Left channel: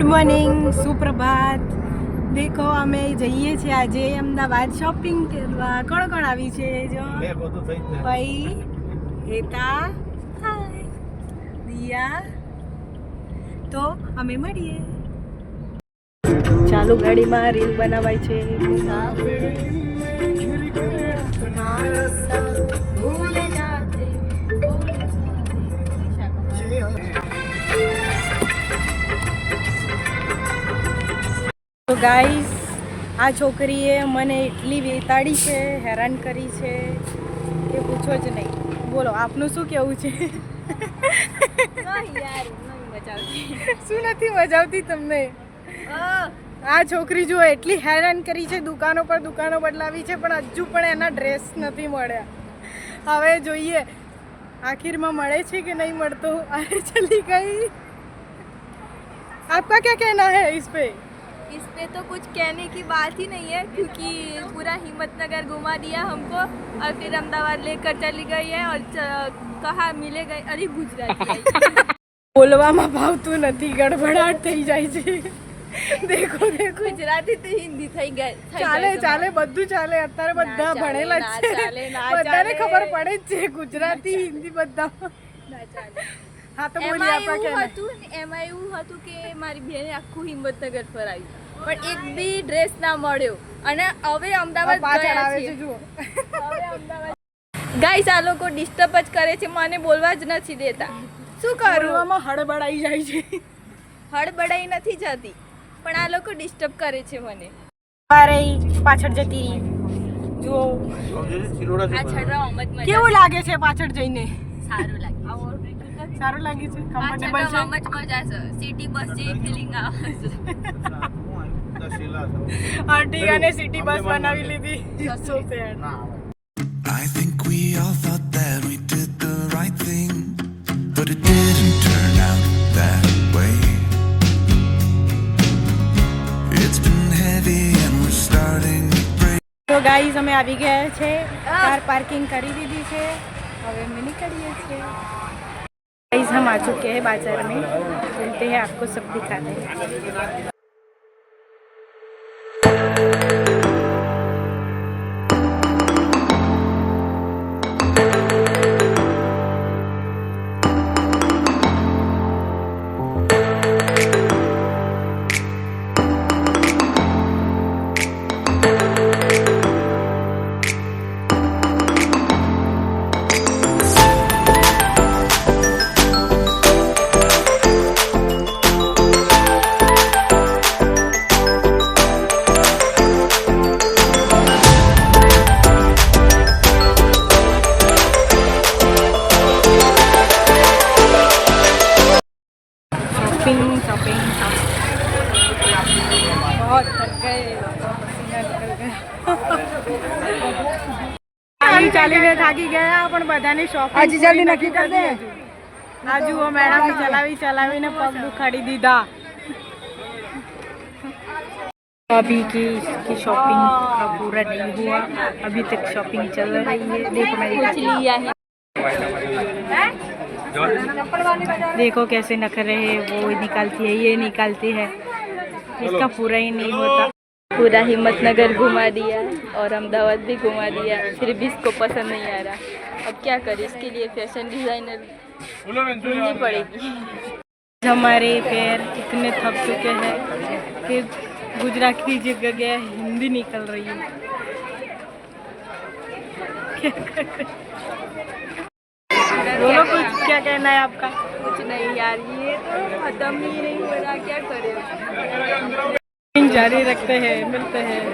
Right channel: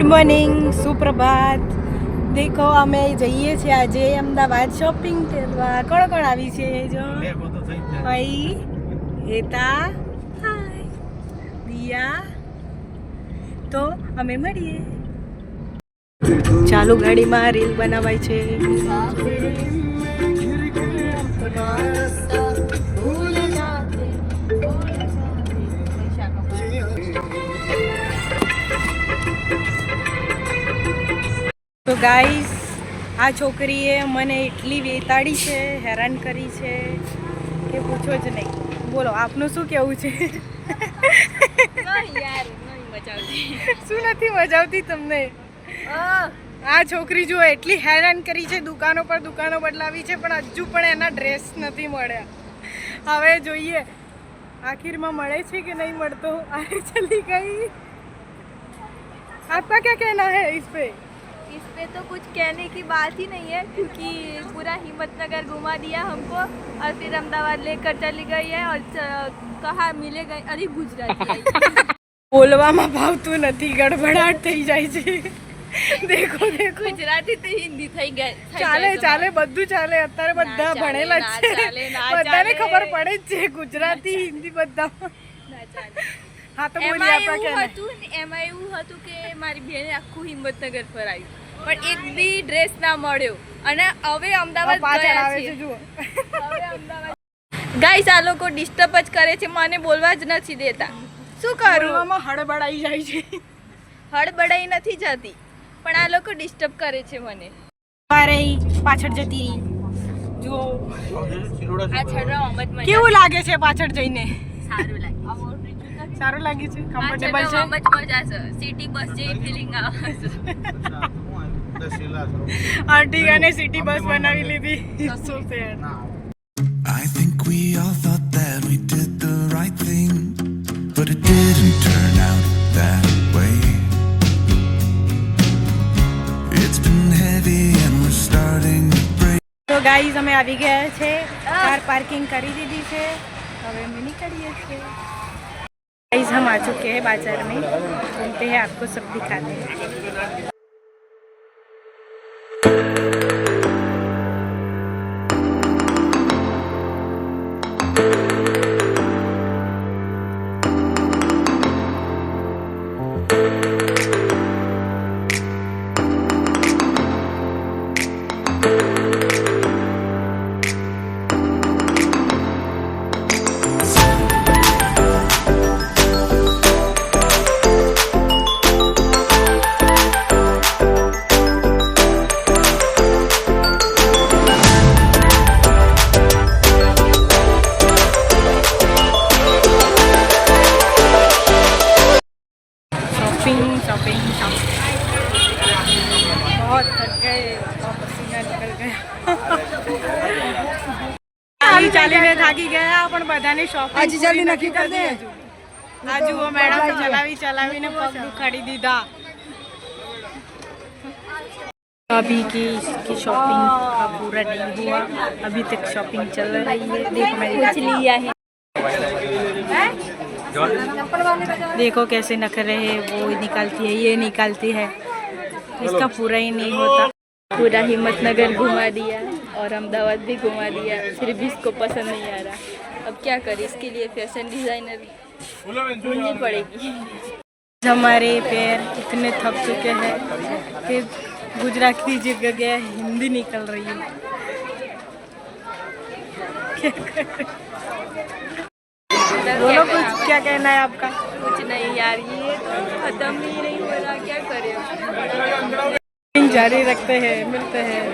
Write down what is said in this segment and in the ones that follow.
Good morning, સુપ્રભાત. દેખો અમે જઈએ છીએ આજે અમદાવાદ શોપિંગ કરવા. કોણ કોણ આવી છે? જો ભાઈ, હેતા, હાય, દિયા. તો અમે મળીએ. ચાલુ ગાડીમાં રીલ બનાવાય છે. તો ગાઈસ, આ છોકરીએ મને એટલી વેતાડી છે, હેરાન કરી છે કે પૂછો જ નહીં. બોલો, આપનું શું કેવું છે? શું નથી મજા આવતી તમને? આ છોકરી જો એટલી હેરાન કરી છે, દુકાનો પર દુકાનો બદલાવી છે, પણ હજુ પણ એના ડ્રેસ નથી મળ્યા. હવે જોઈએ આખિરમાં મળે છે કે नहीं મળતો. अरे चली गई. आपका क्या कहना है इस पे? इस पे तो कुछ कहने की बात ही नहीं है, क्योंकि पूरा हिम्मतनगर घुमा दिया हमको और फिर अहमदाबाद लेकर चली गई है और कहाँ मिलेगा? अरे गुजराती બોલવામાં ભાવતું નથી, ગડબડાટ થઈ જાય છે. દેખો દેખો, ગુજરાતી તો હિન્દી થઈ ગઈ. ચાલે ચાલે, બધું ચાલે. અત્યારે બધા ભણેલા જ છે, બધાને ખબર પડે જ છે ગુજરાતી હિન્દી બધા. હા તો બોલીએ આપા કે એમાં એવું હતું કે મારી બેને આખું હિંમતનગર ફરાયું, પણ એક બી ડ્રેસ ના મળ્યો અને હવે અમદાવાદ પાછળ આવે છે. જુઓ, હવે અમદાવાદ ગાઈસ, આ લોકો ડિસ્ટર્બ જ કરે છે, મને બોલવા જ નથી દેતા. શું કરું? આમાં હડબડાઈ જાય છે. હડબડાઈ નથી જતી, પણ આ લોકો ડિસ્ટર્બ કરે છે મને. અરે પાછળ જતી જુઓ, આ છડરા મત કેવું લાગે છે પાછળ જઈને? સારું લાગે. સારું લાગે છે, કમ્ફર્ટેબલ છે. મજા છે. સિટી બસ જેવી ફીલિંગ આવે છે. આર્ટિગાને સિટી બસ બનાવી લીધી. સો sad. I think we all thought that we did the right thing, but it didn't turn out that way. It's been heavy and we're starting to break. તો guys, અમે આવી ગયા છે, car પાર્किंग કરી દીધી છે, હવે અમે નીકળીએ છીએ. गाइस, हम आ चुके हैं बाजार में, घूमते हैं, आपको सब दिखाते हैं. शॉपिंग बहुत थक गए, पसीना निकल गया. ચાલી ચાલીને થાકી ગયા, પણ બધાની શોપિંગ આજે જલ્દી નક્કી કરી દે. આ જુઓ મેડમ, ચલાવીને પગ દુખાડી દીધા. अभी की इसकी शॉपिंग का पूरा नहीं हुआ, अभी तक शॉपिंग चल रही है. देखो मैं दिखाती हूँ. देखो कैसे नखरे है, वो निकालती है, ये निकालती है, इसका पूरा ही नहीं होता. पूरा हिम्मतनगर घुमा दिया और अहमदाबाद भी घुमा दिया, फिर भी इसको पसंद नहीं आ रहा. अब क्या करें, इसके लिए फैशन डिजाइनर ढूंढनी पड़ेगी. हमारे पैर इतने थक चुके हैं, फिर गुजराती जगह हिंदी निकल रही है. बोलो कुछ, क्या कहना है आपका? कुछ नहीं यार, ये तो खत्म ही नहीं हो रहा, क्या करें. जारी रखते हैं, मिलते हैं.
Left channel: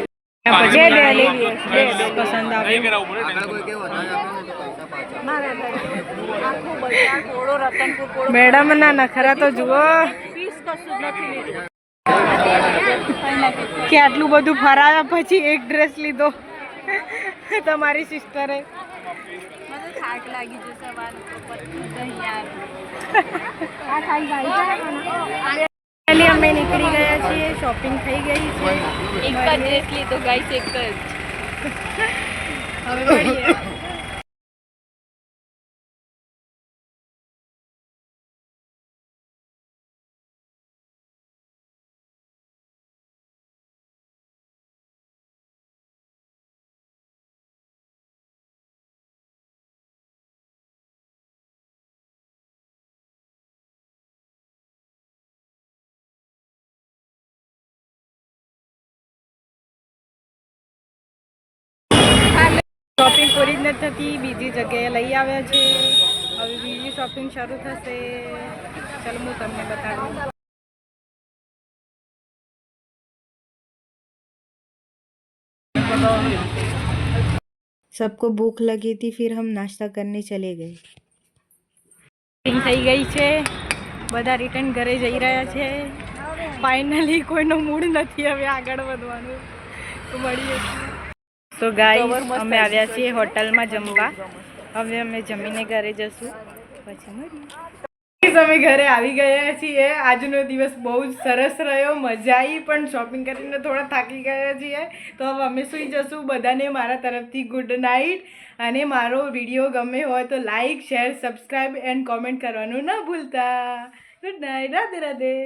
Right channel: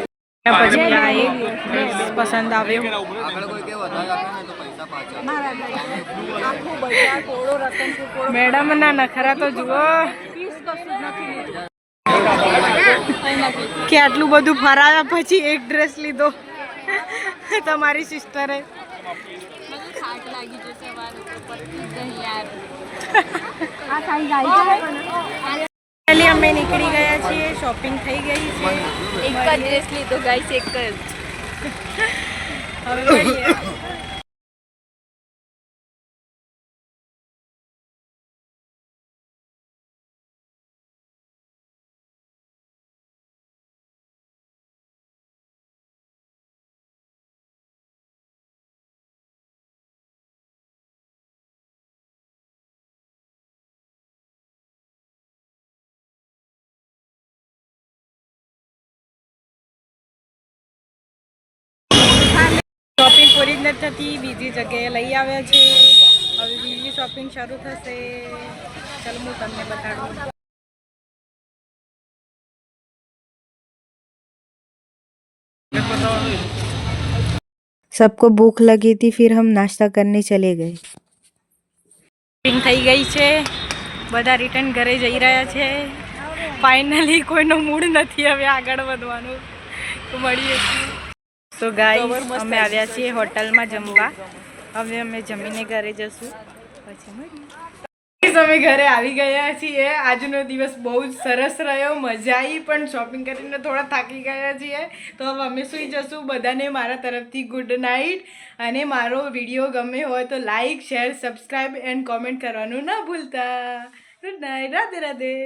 पसंद आवे मैडम ना नखरा तो जुओ કે આટલું બધું ફરાવ્યા પછી એક ડ્રેસ લીધો તમારી સિસ્ટરે. મને થાક લાગી છે સવારનો, તો પતી નહીં યાર. फाइनली અમે નીકળી ગયા છીએ, શોપિંગ થઈ ગઈ છે. એક જ ડ્રેસ લીધો ગાઈસ, એક જ. હવે મળીએ. શોપિંગ પૂરી જ નથી થતી, બીજી જગ્યાએ લઈ આવ્યા છે. હવે બીજી શોપિંગ શરૂ થશે. ચાલો હું તમને બતાડું. सबको भूख लगी थी, फिर हम नाश्ता करने चले गए. શોપિંગ થઈ ગઈ છે, બધા રિટર્ન ઘરે જઈ રહ્યા છે. ફાઇનલી કોઈનો મૂડ નથી હવે આગળ વધવાનું, તો મળીએ. તો ગાઈસ અમે આવ્યા છીએ હોટલમાં જમવા. હવે અમે જમીને ઘરે જશું, પછી મળીએ. અમે ઘરે આવી ગયા છીએ. આજનો દિવસ બહુ જ સરસ રહ્યો, મજા આવી, પણ શોપિંગ કરીને થોડા થાકી ગયા છીએ. તો હવે અમે સૂઈ જશું. બધાને મારા તરફથી ગુડ નાઇટ. અને મારો વિડીયો ગમે હોય તો like, share, subscribe and comment કરવાનું ના ભૂલતા. Good night, Radhe Radhe.